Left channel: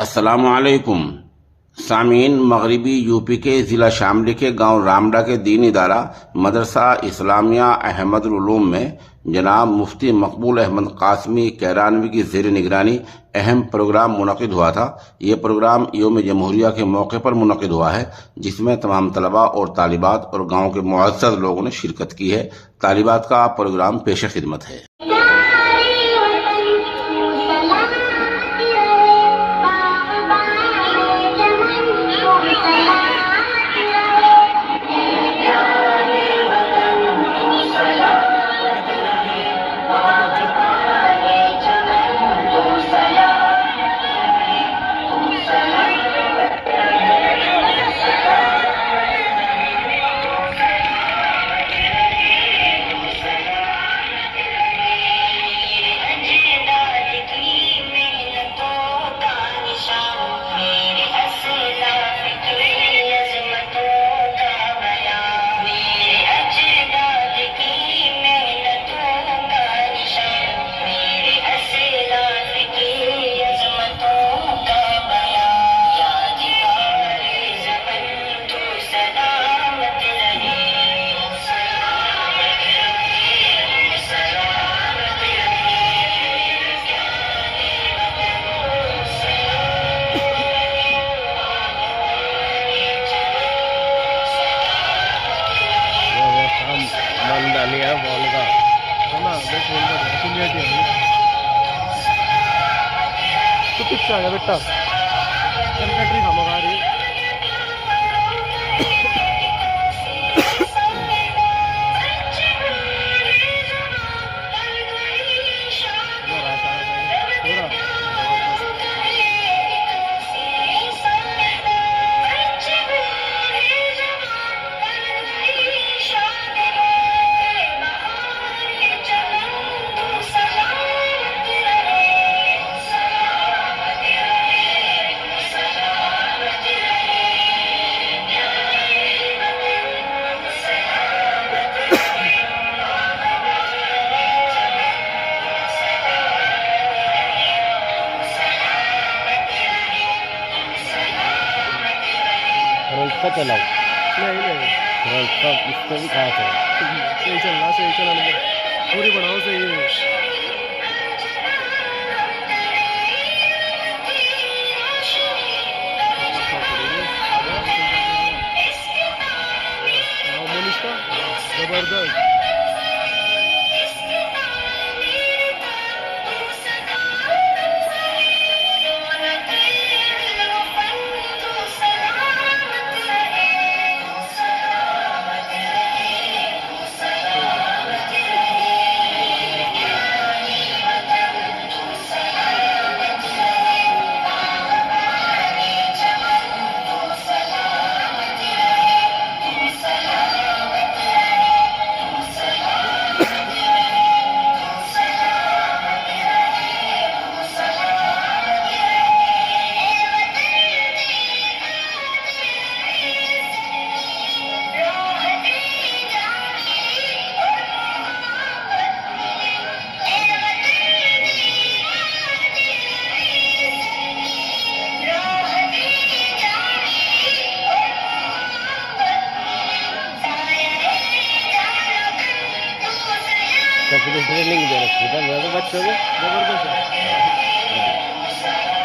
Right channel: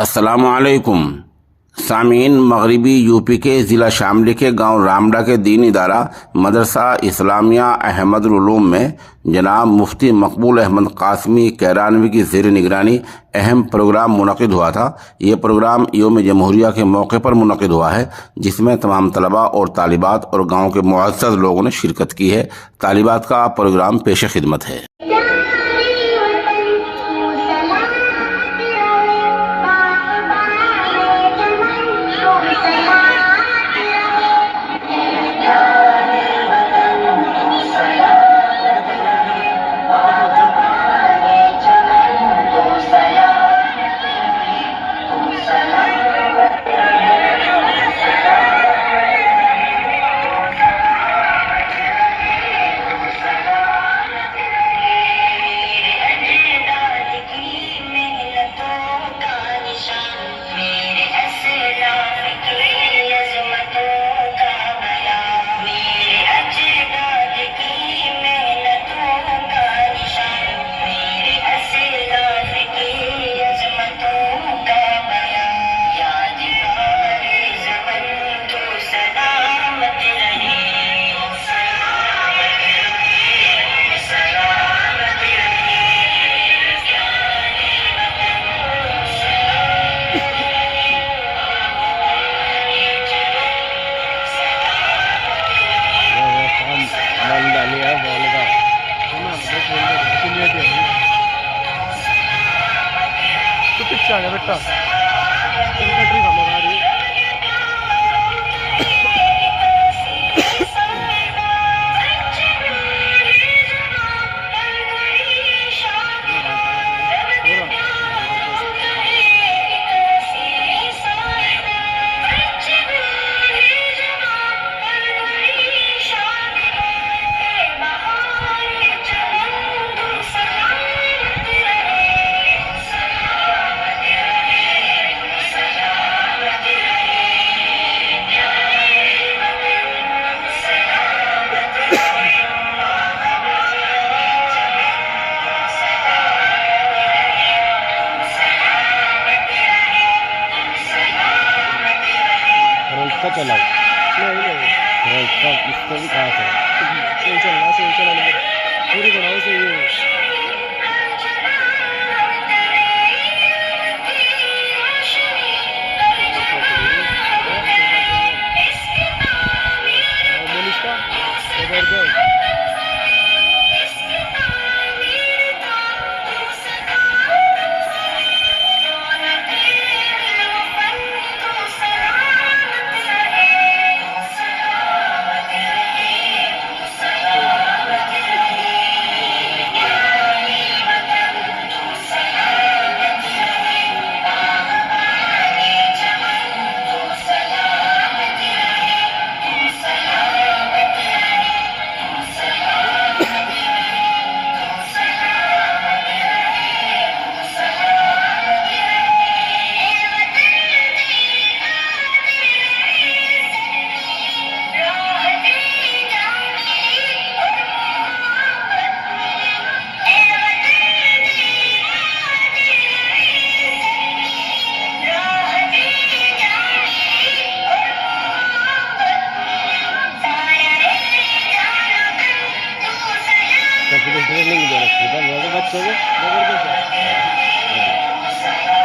السلام علیکم سامعین، مغربی یو پی کے ضلع شاملی کے گاؤں رامڈا کے دینی ادارہ مدرسہ اسلامیہ احمد العلوم میں جناب مفتی مقبول احمد قاسمی کیرانوی کی زیر نگرانی اہم پروگرام منعقد ہوا تھا۔ یہ پروگرام یوم جمہوریہ کے موقع پر منعقد ہوا ہے، جس میں تمام طلباء اور طالبات اور گاؤں کے معزز لوگوں نے شرکت کی ہے۔ طالبات کا پروگرام پیش خدمت ہے۔ چلاؤ اس کو بھی کہا تھا پوری بناؤ سے ٹریننگ دے رکھی تھا بچوں کو زبردست ہے۔